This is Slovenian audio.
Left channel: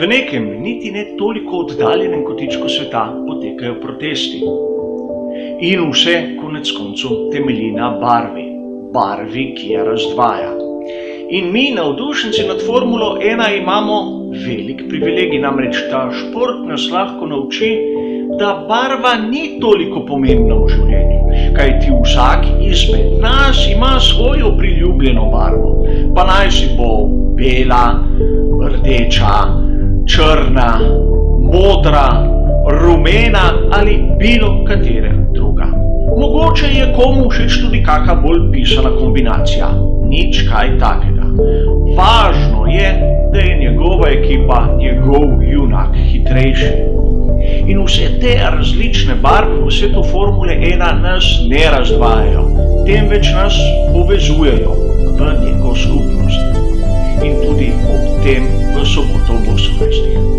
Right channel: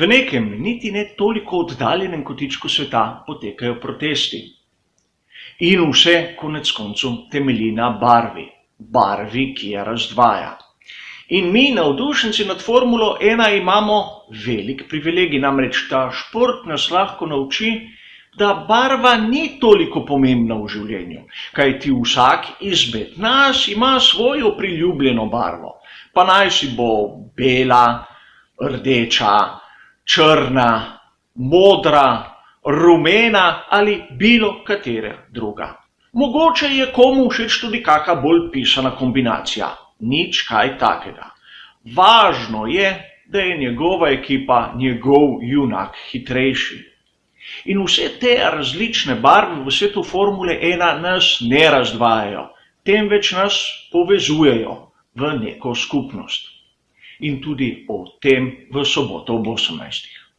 V nekem niti ne toliko oddaljenem kotičku sveta potekajo protesti. In vse konec koncev temelji na barvi, ki je razdvaja. In mi, navdušenci nad Formulo 1, imamo velik privilegij, namreč ta šport nas lahko nauči, da barva ni toliko pomembna v življenju, kajti vsak izmed nas ima svojo priljubljeno barvo, pa naj si bo bela, rdeča, črna, modra, rumena ali bilo katera druga. Mogoče je komu všeč tudi kakšna bolj pisana kombinacija, nič kaj takega. Važno je, da je njegova ekipa, njegov junak hitrejši. In vse te različne barve v svetu Formule 1 nas ne razdvajajo, temveč nas povezujejo v neko skupnost. In tudi o tem v soboto ob 18.